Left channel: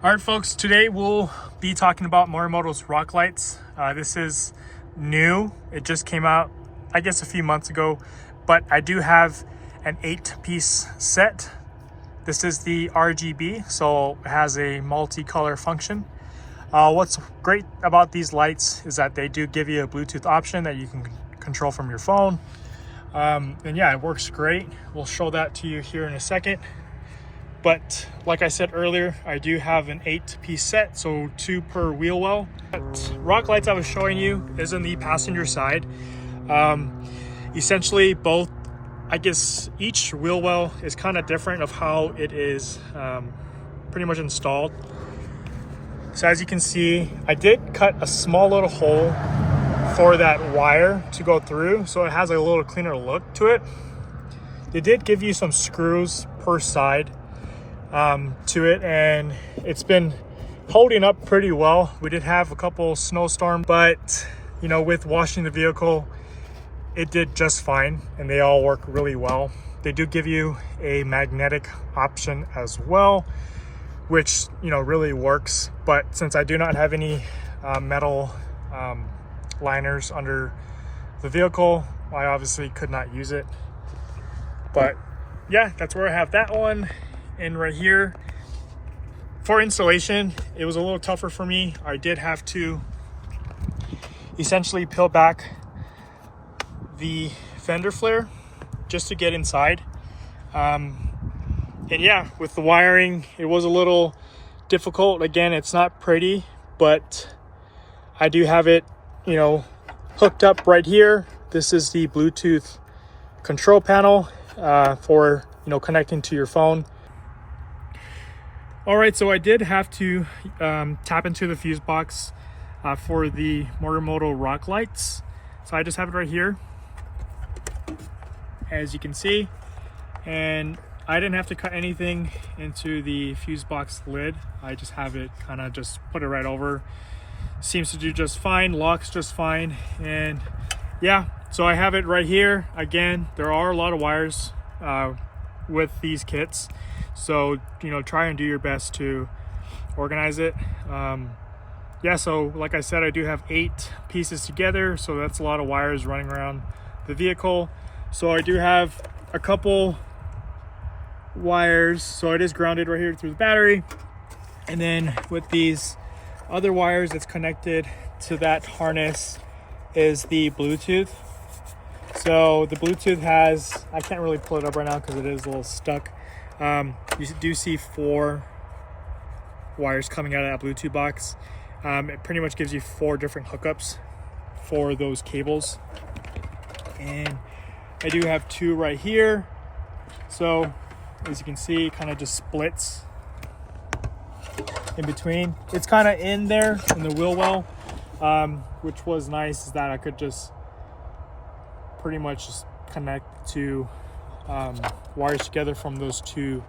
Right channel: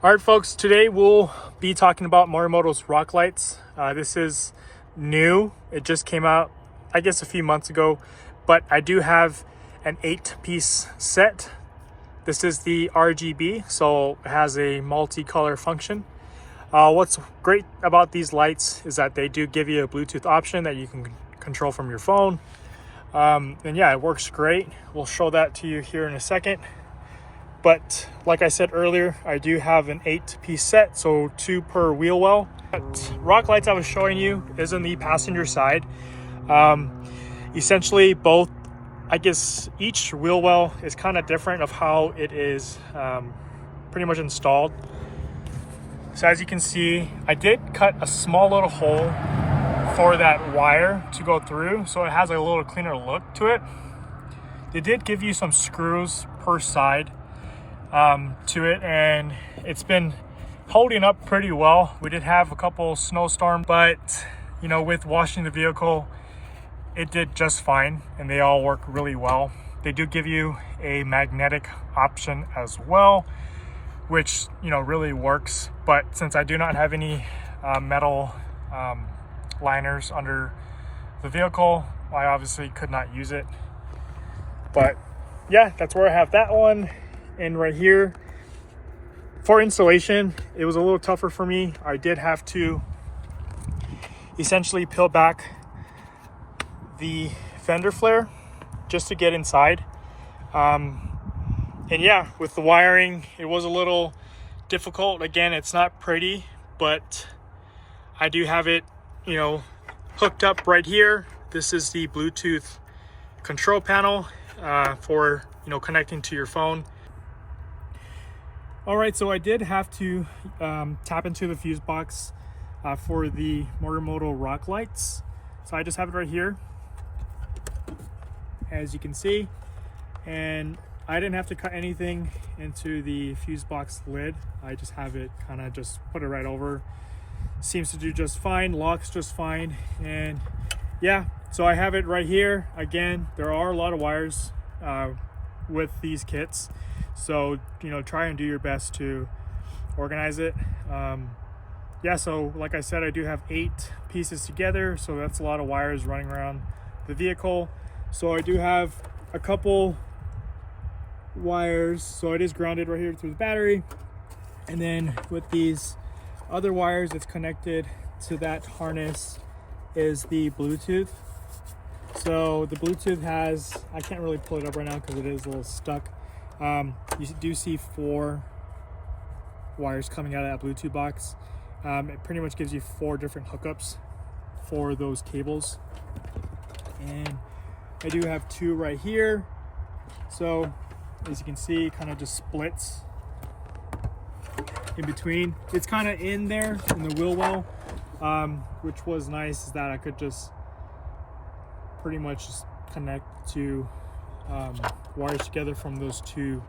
All right, folks, today we'll be talking about Morimoto's rock lights. This is new. It just came out, I guess, a few months ago, but I do have an 8-piece set. This is the RGB, so it has a multicolor function. What's great about these lights is that they do give you a Bluetooth option that you can control from your phone. And yeah, it works great. We'll show that to you here in a second. But like I said earlier, I do have an 8-piece set, so 2 per wheel well. That rock lights I was showing you is on the passenger side. Essentially both, I guess each wheel well is kind of different of how it is pretty much installed. So as you can see, I did cut a small little hole for that wire to go through, so it has a little cleaner look to it. They did give you some screws per side to it, and it's been holding up pretty well. We did have a couple snowstorms, but you know, with washing the vehicle, it did just fine, and they all work really well. They do give you a magnetic option as well, which, you know, really works. But since I do not have any metal liners under the vehicle, I obviously could not use it. But yeah, that's where I have that one. And right here for installation, it was a little tougher for me. I did have to essentially peel back the fender flare just to get inside. And yeah, with the wiring, it was a little difficult. Again, it's not pretty, but I do have it, you know, hooked up right here. This is the Bluetooth control panel for, you know, connecting to your phone. All right, so I did have to tap into the fuse box for the Morimoto rock lights. So I just have it right here, as you can see, and I didn't have to cut anything into the fuse box lid. I just have it kind of just put it right over. Seems to do just fine, locks just fine. And yeah, so I have it right here. Again, there are a lot of wires with these kits, so you know, try and do your best to organize it. Yeah, so like I said, I do have 8 pieces together, so that's a lot of wires running around the vehicle. So I do have a couple wires, so it is grounded right here through the battery, and then with these other wires that's connected to that harness is the Bluetooth. So the Bluetooth has, I can't really pull it up right now because it is a little stuck. You do see 4 wires coming out of that Bluetooth box. It pretty much gives you 4 different hookups for those cables, and I do have 2 right here. So as you can see, it kind of just splits in between. It's kind of in there in the wheel well, which was nice, is that I could just pretty much just connect 2 wires together from those 2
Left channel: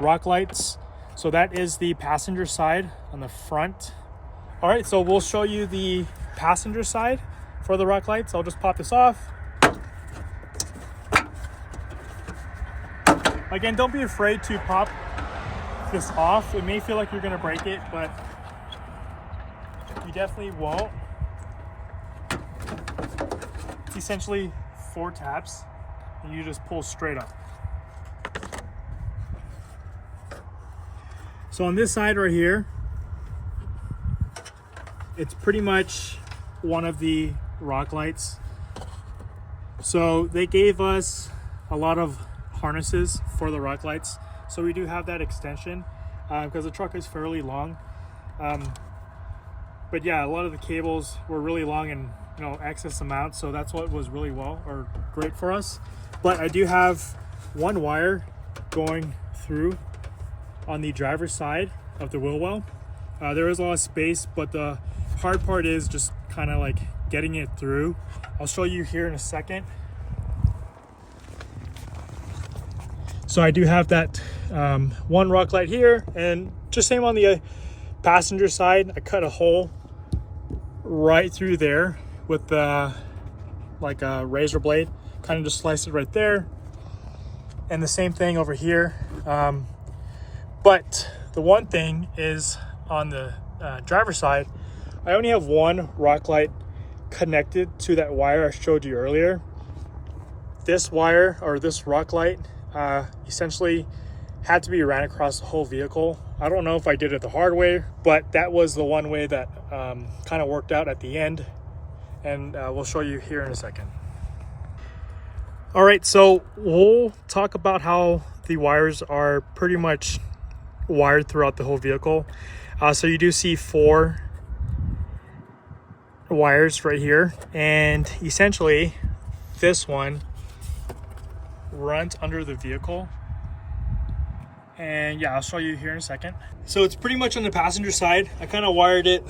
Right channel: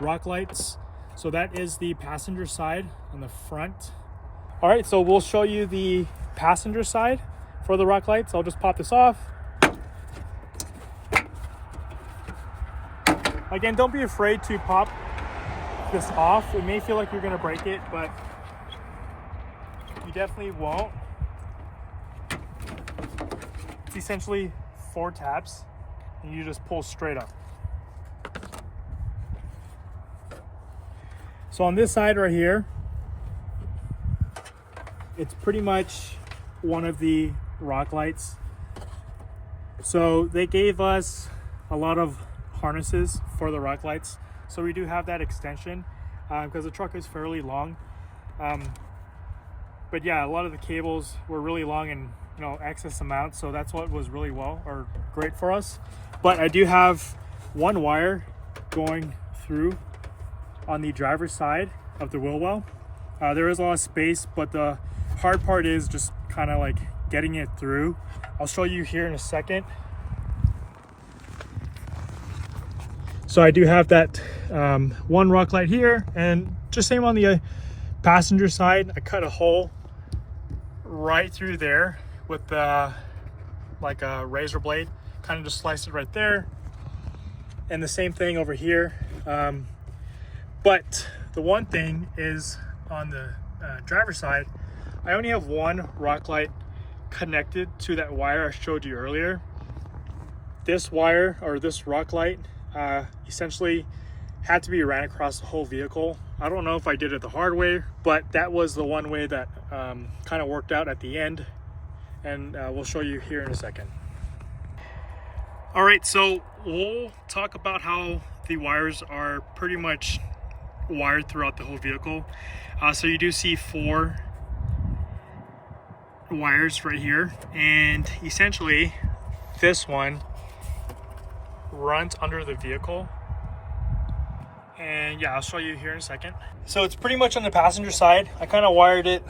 rock lights. So that is the passenger side on the front. All right, so we'll show you the passenger side for the rock lights. I'll just pop this off. Again, don't be afraid to pop this off. It may feel like you're gonna break it, but you definitely won't. It's essentially 4 taps, and you just pull straight up. So on this side right here, it's pretty much one of the rock lights. So they gave us a lot of harnesses for the rock lights, so we do have that extension because the truck is fairly long. But yeah, a lot of the cables were really long and, you know, excess amounts, so that's what was really great for us. But I do have 1 wire going through on the driver's side of the wheel well. There is a lot of space, but the hard part is just kind of like getting it through. I'll show you here in a second. So I do have that 1 rock light here, and just same on the passenger side. I cut a hole right through there with like a razor blade, kind of just sliced it right there. And the same thing over here. But the one thing is on the driver's side, I only have one rock light connected to that wire I showed you earlier. This wire, or this rock light, essentially had to be ran across the whole vehicle. I don't know if I did it the hard way, but that was the one way that kind of worked out at the end, and we'll show you here in a second. All right, so we'll talk about how the wires are pretty much wired throughout the whole vehicle. So you do see 4 wires right here, and essentially this one runs under the vehicle. And yeah, I'll show you here in a second. So it's pretty much on the passenger side. I kind of wired it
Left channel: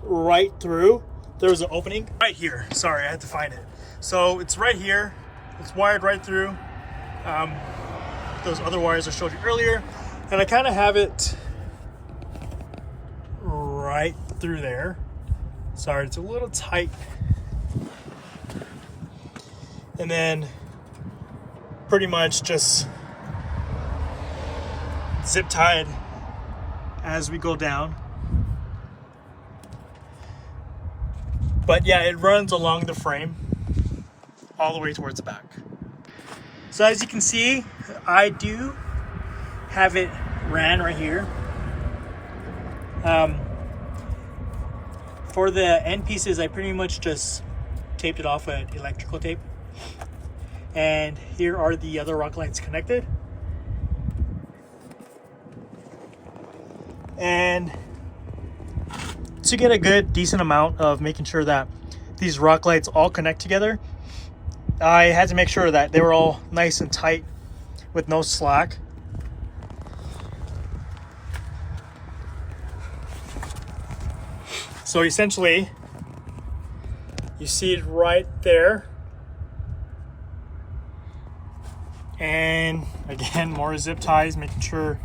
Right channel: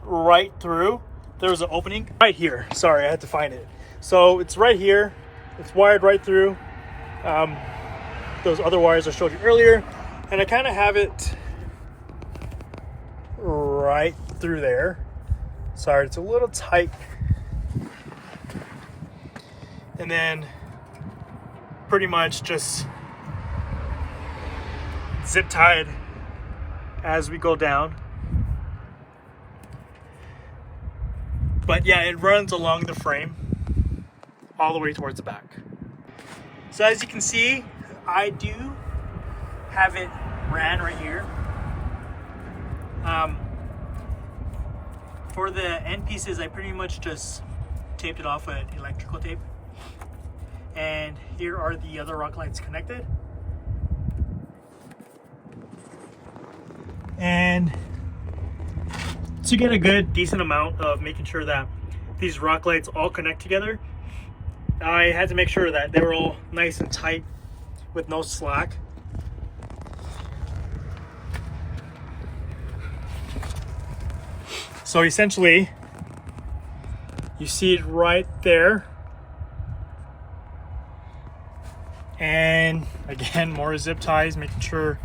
right through. There was an opening right here. Sorry, I had to find it. So it's right here. It's wired right through those other wires I showed you earlier. And I kind of have it right through there. Sorry, it's a little tight. And then pretty much just zip tied as we go down. But yeah, it runs along the frame all the way towards the back. So as you can see, I do have it ran right here. For the end pieces, I pretty much just taped it off with electrical tape. And here are the other rock lights connected. And to get a good, decent amount of making sure that these rock lights all connect together, I had to make sure that they were all nice and tight with no slack. So essentially, you see it right there. And again, more zip ties, making sure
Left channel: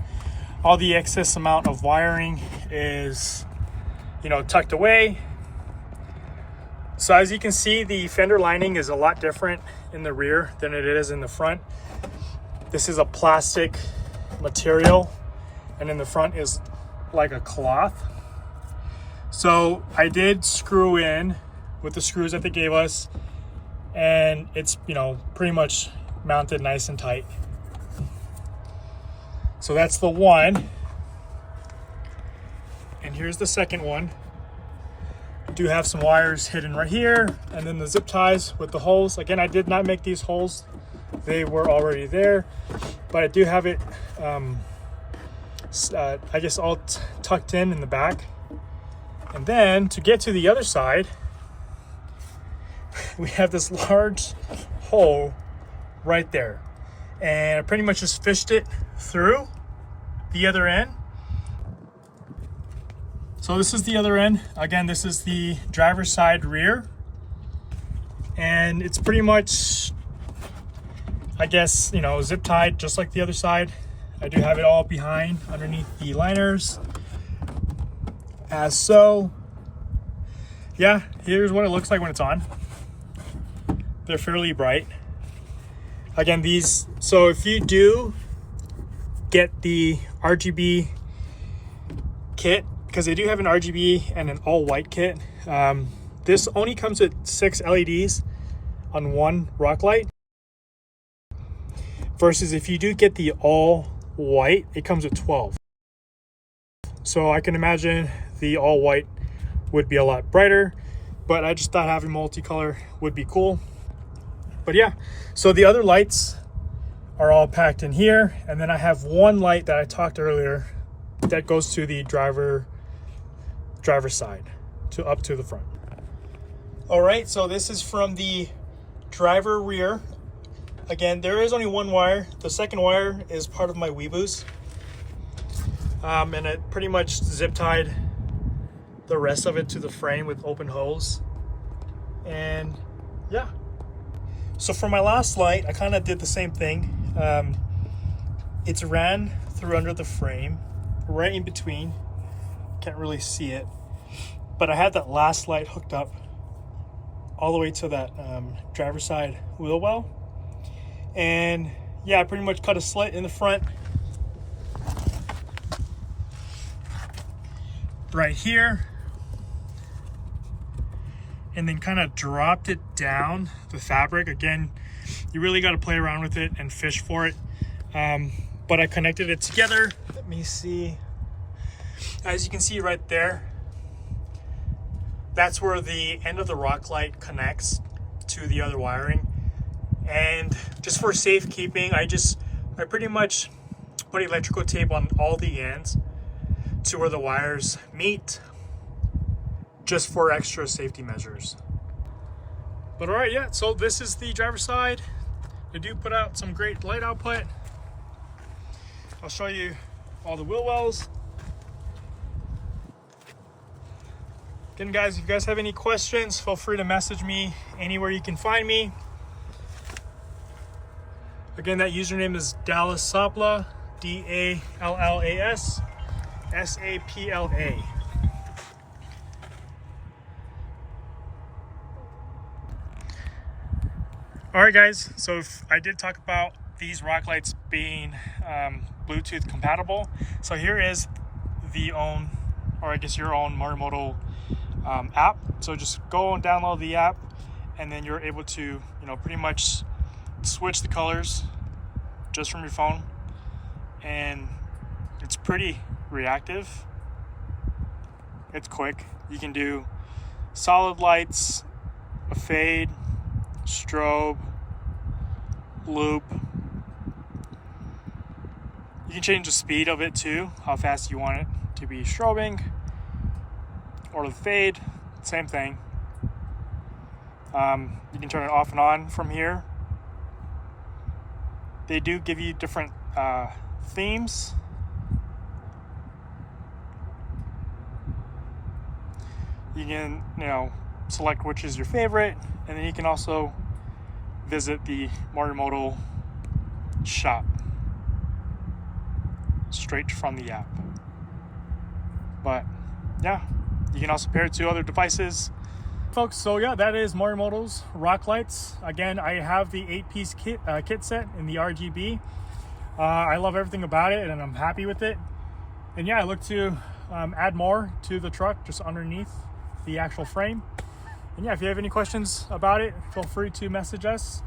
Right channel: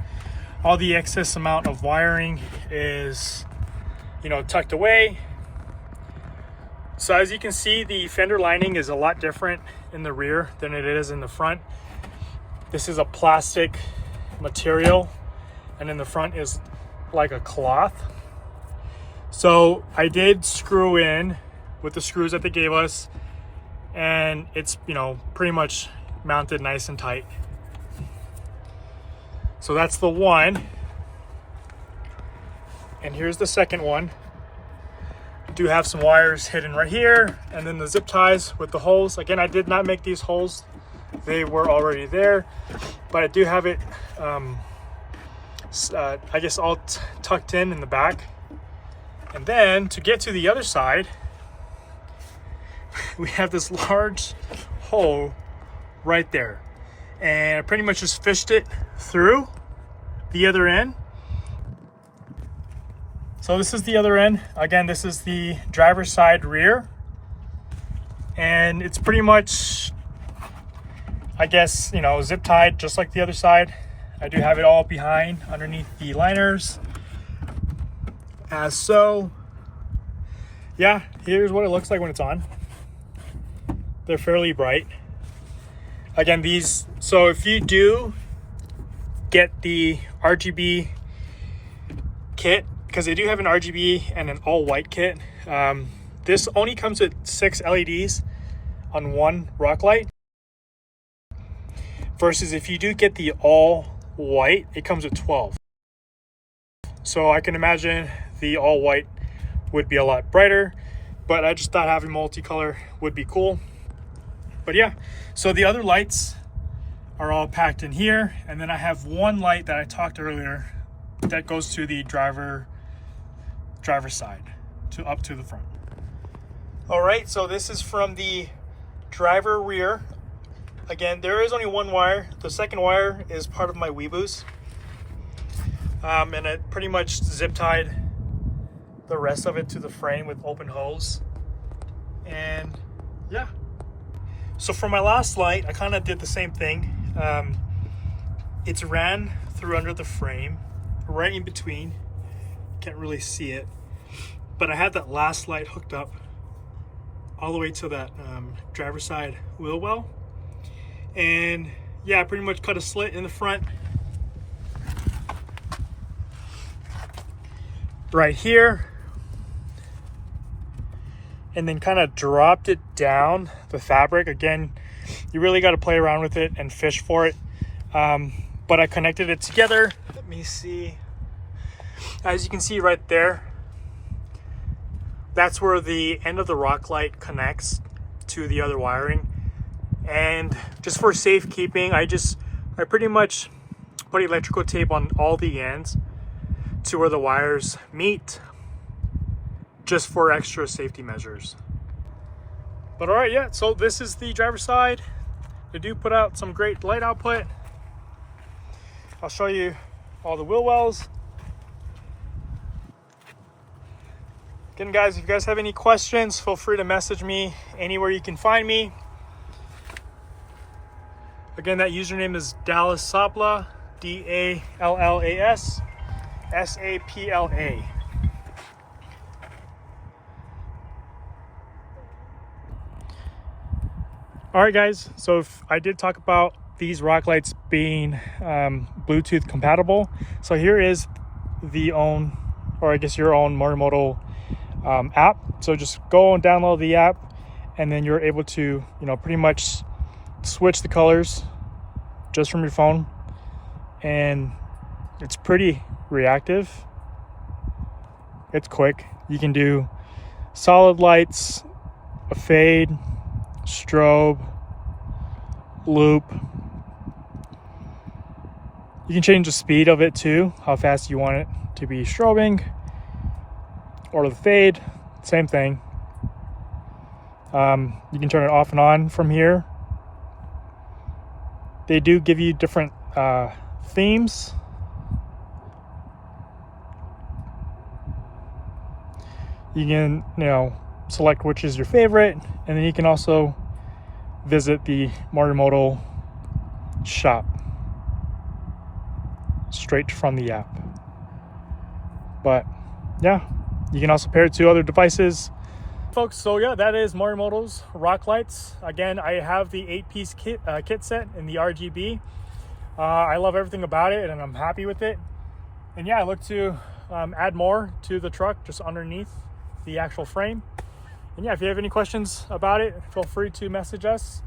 all the excess amount of wiring is, tucked away. So as you can see, the fender lining is a lot different in the rear than it is in the front. This is a plastic material, and in the front is like a cloth. So I did screw in with the screws that they gave us, and it's, pretty much mounted nice and tight. So that's the one. And here's the second one. Do have some wires hidden right here, and then the zip ties with the holes. Again, I did not make these holes. They were already there, but I do have it, I guess, all tucked in the back. And then to get to the other side, we have this large hole right there. And I pretty much just fished it through the other end. So this is the other end. Again, this is the driver's side rear. And it's pretty much, I guess, zip tied just like the other side. I do have it all behind underneath the liners. As so. Yeah, here's what it looks like when it's on. They're fairly bright. Again, so if you do get the RGB kit, because they do have an RGB and an all white kit, this only comes with 6 LEDs on one rock light, versus if you do get the all white, it comes with 12. So I can imagine the all white would be a lot brighter, but I just thought having multicolor would be cool. But yeah, so the other lights are all packed in here, and then I have one light that I talked earlier that goes to the driver's side, up to the front. All right, so this is from the driver rear. Again, there is only one wire. The second wire is part of my Weeboos, and I pretty much zip tied the rest of it to the frame with open hose. And yeah. So for my last light, I kind of did the same thing. It's ran through under the frame, right in between. Can't really see it, but I had that last light hooked up all the way to that driver's side wheel well. And yeah, I pretty much cut a slit in the front right here, and then kind of dropped it down the fabric. Again, you really got to play around with it and fish for it. But I connected it together. Let me see. As you can see right there, that's where the end of the rock light connects to the other wiring. And just for safekeeping, I pretty much put electrical tape on all the ends to where the wires meet, just for extra safety measures. But all right, yeah, so this is the driver's side. They do put out some great light output. I'll show you all the wheel wells. Again, guys, if you guys have any questions, feel free to message me anywhere you can find me. Again, that username is DallasSapla, DallasSapla. All right, guys, so I did talk about these rock lights being Bluetooth compatible. So here is your own Morimoto app. So just go and download the app, and then you're able to, pretty much switch the colors just from your phone, and it's pretty reactive. It's quick. You can do solid lights, a fade, strobe, loop. You can change the speed of it too, how fast you want it to be strobing, or the fade, same thing. You can turn it off and on from here. They do give you different themes. You can, select which is your favorite, and then you can also visit the Morimoto shop straight from the app. But yeah, you can also pair it to other devices. Folks, so yeah, that is Morimoto's rock lights. Again, I have the 8-piece kit set in the RGB. I love everything about it, and I'm happy with it. And yeah, I look to add more to the truck just underneath the actual frame. And yeah, if you have any questions about it, feel free to message us.